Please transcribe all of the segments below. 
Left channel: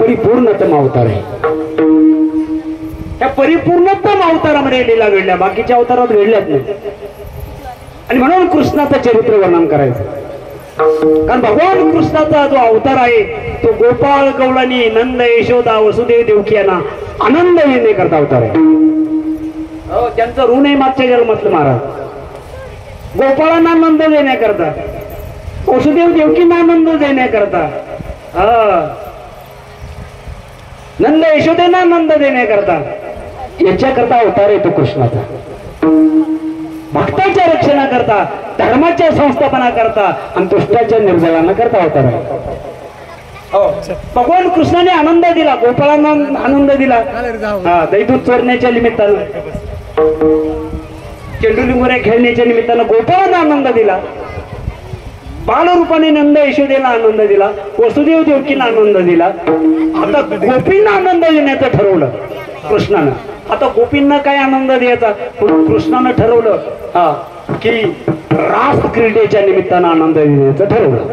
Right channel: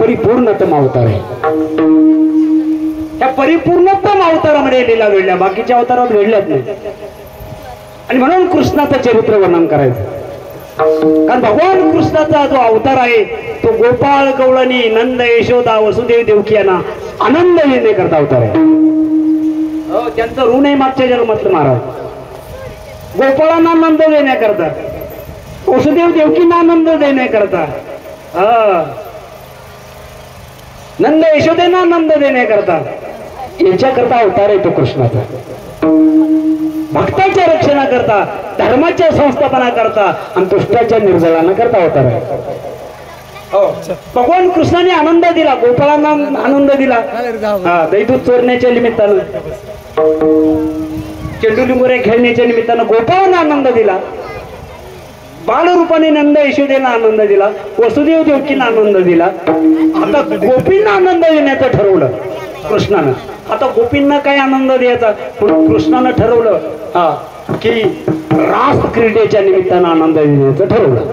परिपूर्णतम अवतार आहे. त्या परिपूर्णतम अवतारामध्ये लीला घडल्या, बाकीच्या अवतारात घडल्याच नाही. आणि म्हणून कृष्णाचं चरित्र वर्णन करायचं. कारण भगवान कृष्णाचा जो अवतार आहे तो गोपाळ गवळणी नंद यशोदा वसुदेव देवकी यांना आनंद देण्याकरता अवतार आहे. त्यांचं ऋण आहे मागच्या जन्मातलं महाराज. गोपाळांना आनंद देण्याकरता, वसुदेव देवकींना आनंद देण्याकरता, नंद यशोदेना आनंद देण्याकरता, याच्याकरता अवतार आहे तो कृष्णाचा. भक्ताच्या रक्षणाकरता, धर्माच्या संस्थापनाकरता आणि दुष्टाच्या निर्जळानाकरता अवतार आहे. भगवान कृष्णाने आनंद दिला, गोपाळांना आनंद दिला. दैदूत चोरण्याच्या निमित्तानं, चेंडुली मोऱ्या खेळण्याच्या निमित्तानं गोपाळांना आनंद दिला. बालरूपाने नंद यशोदेला आनंद दिला, वसुदेव देवकींना आनंद दिला. आता गोपींना आनंद देण्याचं ठरवलं कृष्णानं. आता गोपींना काय आनंद द्यायचा, कृष्णानं ठरवलं की रास क्रीडेच्या निमित्तानं आनंद देण्याचं ठरवलं.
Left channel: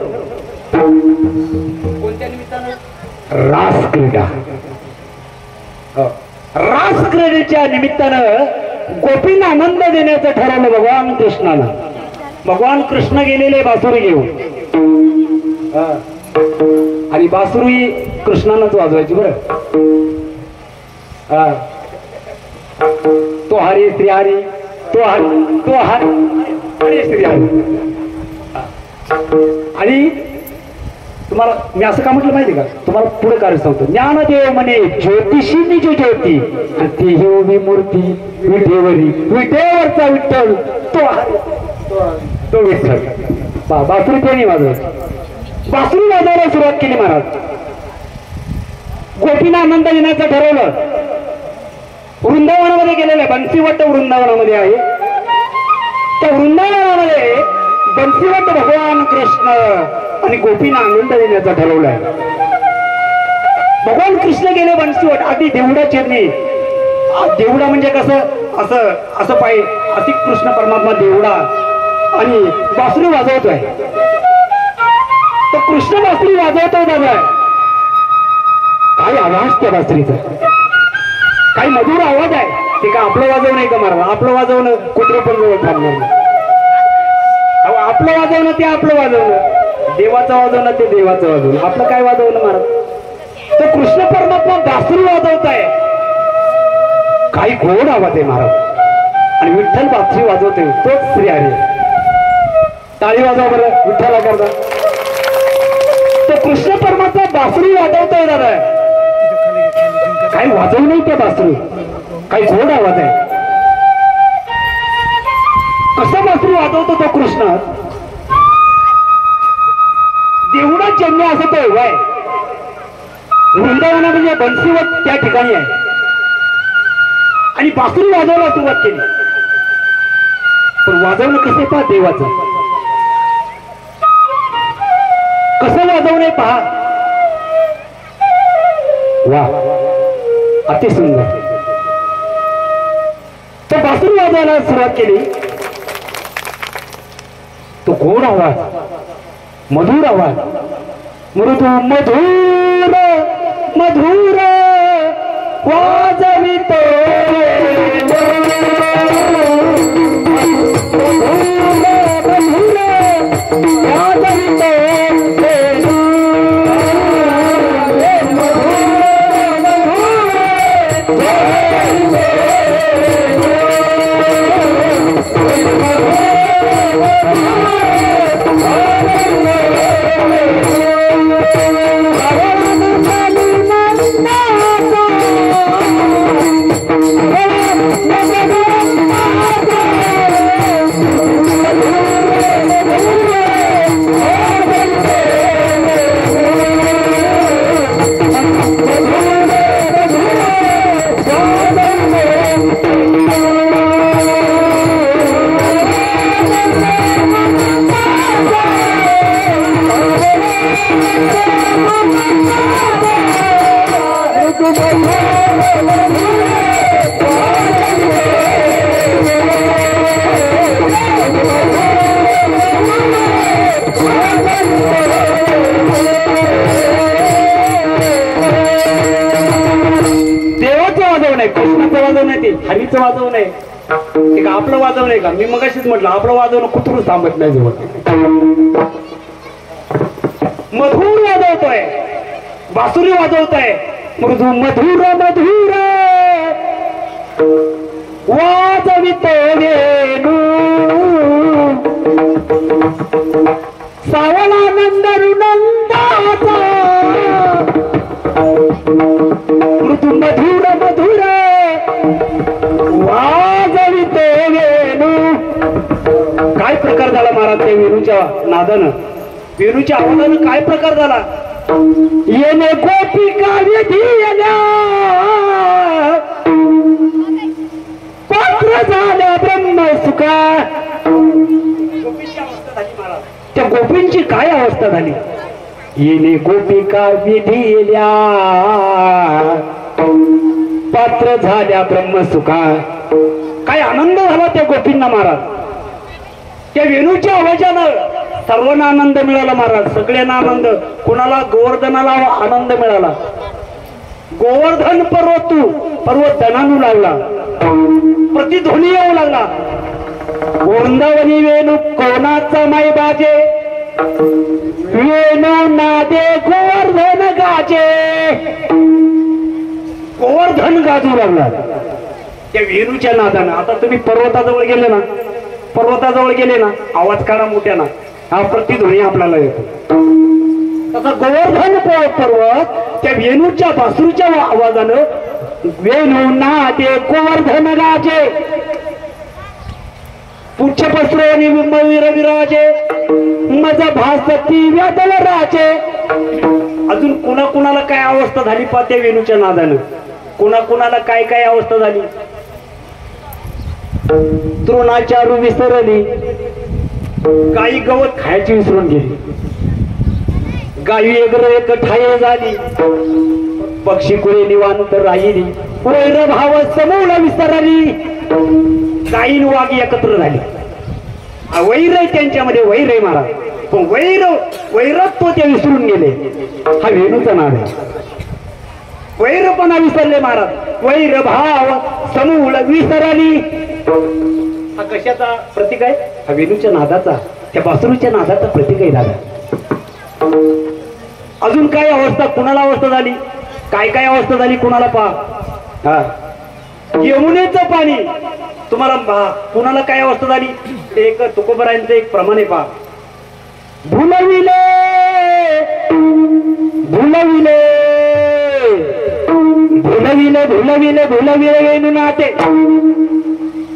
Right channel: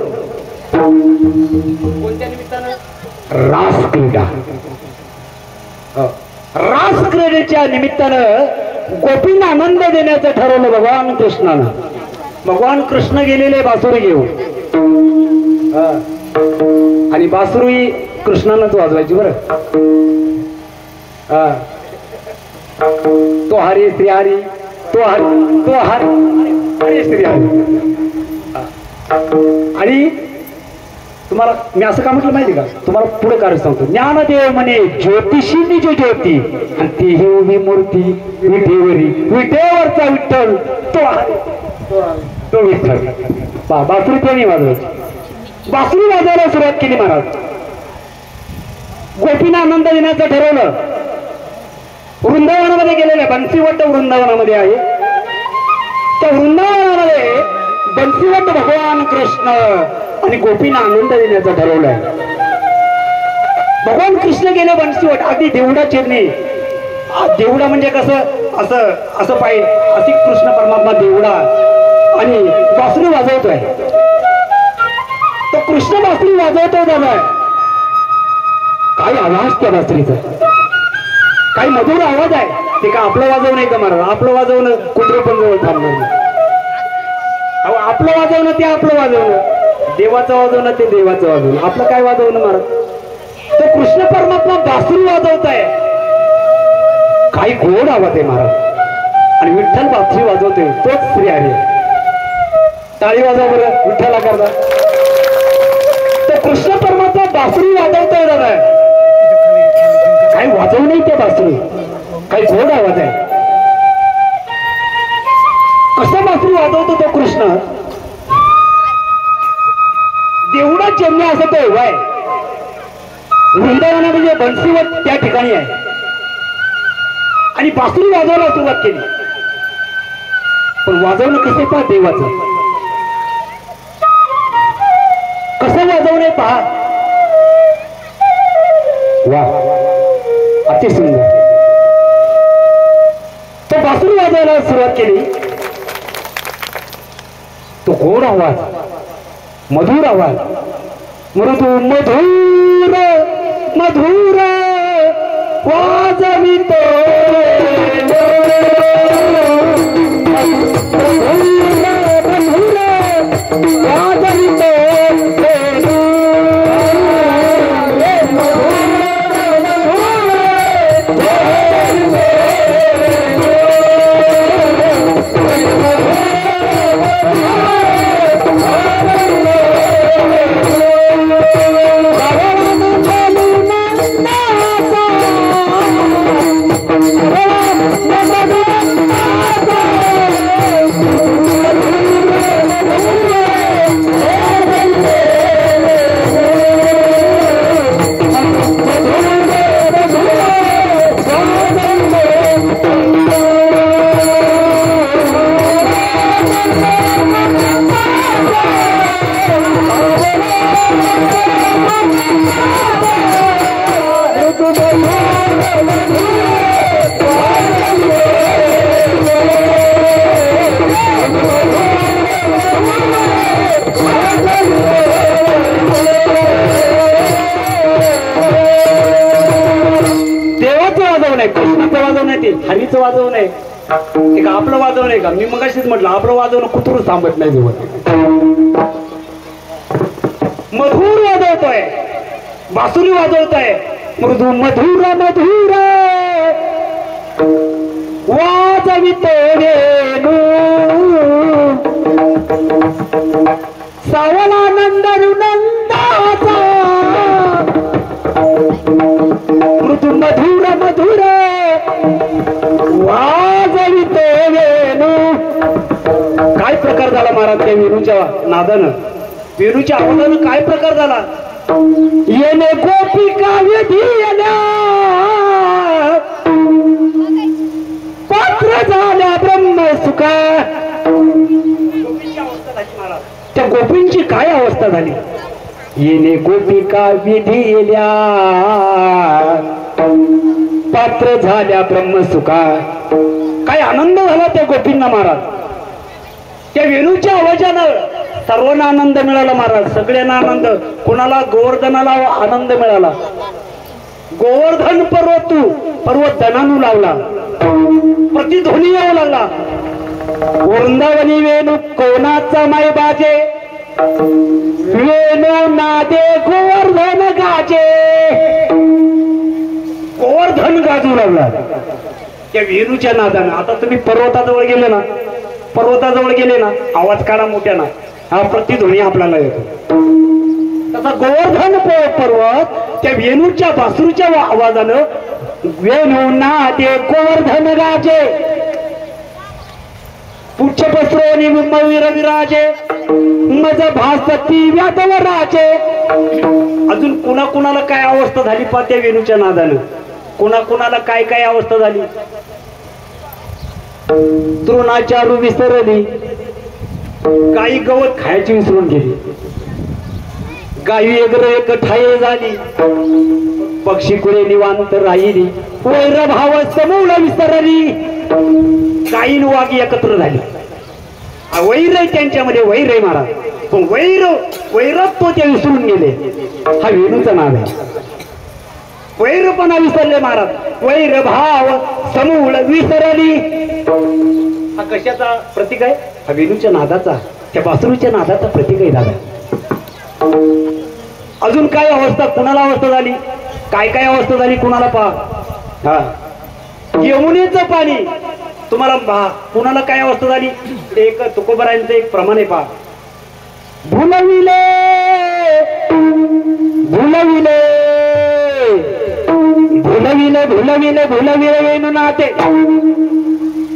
कोणत्या निमित्तानं? रास क्रीडा. रास क्रीडेच्या निमित्तानं गोपींना आनंद देण्याचं ठरवलं भगवान कृष्णानं. भगवान कृष्ण गेलेले बासुरी घेऊन, आणि बासुरी कृष्णानंच वाजवायची बरं. तो हरी श्री हरी, तो हरी, तो हरी, हरी श्री हरी. आणि तुम्हाला मी असं का म्हटलं माहिती का, तुम्हाला पुढे कार्य सांगतो. ज्ञानदेव म्हणे ज्योतिषी निज ज्योती, आणि ती ही उभी मूर्ती विठेवरी, विठेवरचा विठ्ठल तो हरी, तो विठ्ठल. बासुरी त्याने वाजवायची. बासुरी वाजवायला सुरुवात केली महाराज. गोपींना आनंद देण्याचं ठरवलं. वृंदावनामध्ये गेलेलं, बंसीवट वृंदावनामध्ये आहे. त्या वृंदावनामध्ये बंसीवट भगवान कृष्ण आणि गोपींना आनंद देण्याचं ठरवलंय. भगवान कृष्ण गेले बंसीवट. आधी देवडा चिरणी. देवडा म्हणजे कसं, असं असं पाय, अति कृष्ण परमात्मा देवडा आणि बासुरी वाजवतोय. तो कृष्ण बासुरी वाजवतोय दादा. काय आवाज त्या बासुरीचा, काही मधुर आवाज आहे. ते का आपलं वाजवणं आहे का महाराज? आपलं वाजवणं कुठे पण जवळ थांबणार नाही. आपलं वाजवणं ते आपलं वाजवणं, देवाचं वाजवणं ते देवाचं वाजवणं. आपलं काय वाजवणं महाराज? तो कृष्ण परमात्मा बासुरी वाजवताय. काही गोड आवाज आहे महाराज. आणि विठ्ठल बासुरी वाजवतोय, तोच श्री हरी. टाळी वाजव बरं विठ्ठला करता. तर कृष्ण परमात्मा बासुरी वाजवतोय दादा. काही वाजव नाही त्या बासुरी, काही गोड आवाज आहे. कसा बासुरी वाजवतो तो कृष्ण? देवडा जन्म असं तो आहे. वृंदावना म्हणजे बंसीवट त्या ठिकाणी आहे. आणि बासुरी वाजवायला सुरुवात केली. पण वाजवणं कसं पहा देवाचं, कसं वाजवणे पहा. वा, अति सुंदर. तर बासुरी वाजवायला सुरुवात केली. तो गोड आवाज, मधुर आवाज, मृदू मधुर मधुर वाजवितो. काय कृष्णाचं वाजवणं आहे ते हरीचं वाजवणं आहे ते का आपलं वाजवणं आहे का? मी मगाशीच म्हटलं आपलं वाजवणं कुठून थांबत नाही मधुर वाजवतोय बासुरी वाजवतोय मृदू मधुर मधुर वाजवितो वेणू सावळानंद नंदाचा मृदू मधुर मधुर वाजवितो वेणू. काय प्रकार झाला महाराज त्या वेणूच्या नादानं वेणूच्या आवाजानं काय प्रकार झाला? येणे गोपिका विधी पात्र झाल्या ब्रह्म सुखा. त्या गोपींची काय अवस्था झाली? येणे गोपिका विधील्या पात्र झाल्या ब्रह्म सुखा. काय आनंद झाला त्या गोपींना महाराज. त्या वेणूच्या आवाजानं सर्वांना आनंद मिळाला महाराज. सगळ्यांना आनंद. कोणाला? गोवर्धनाला आनंद मिळाला. गोवर्धन पर्वत धनानू लागला प्रतिध्वनी येऊ लागला. वृंदावनी वेणू कोणाचा माई बाजे वेणू नादे गोवर्धन गाजे. गोवर्धन गाजू लागला त्या वेणूच्या नादानं. आता तुम्ही पर्वताजवळ गेले ना आवाज काढा मोठ्यानं हा प्रतिध्वनी आपल्याला येतो. तसा गोवर्धन पर्वत त्या वेणूच्या बासुरीच्या आवाजानं वेणू नादे गोवर्धन गाजे पुच्छ पसरानी विर विराजे मज भासती व्यादव राजे. अजून कुणाला काय अवस्था झाली पा त्या वेणूच्या नादानं. कुणाला काय काय अवस्था झाली? तृणाचारू विसरली गाई गवत खायची विसरून गेली. गाई एक ठाय झाली पक्षी कुळे निवांत राहिली. वैर भाव समूळ विसरली गाई वाघ एकत्र झाली. वैर आहे त्यांच्यामध्ये वैर आहे महाराज. पण वैरात तो ते विसरून गेले. हा वेणूचा नाव आहे. वैरपणा विसरले महाराज. वैर भाव समूळ विसरली. हा कशाचा प्रतीक आहे? हा वेणूच्या नादाचा त्या बासुरीच्या नादाचा प्रतीक आहे दादा. अजून काय अवस्था कुणाला अवस्था झाली? काय अवस्था झाली कुणाला पहा. हा यमुनेचं पाणी तुम्हाला कुणाला काय अवस्था झाली? एक तुकोबरायांचं एक प्रमाण आहे पहा. भुलविले भुलविले भुलविले भुलविले भुलविले वेणू नाते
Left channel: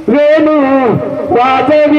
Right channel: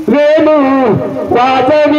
वेणू वाजव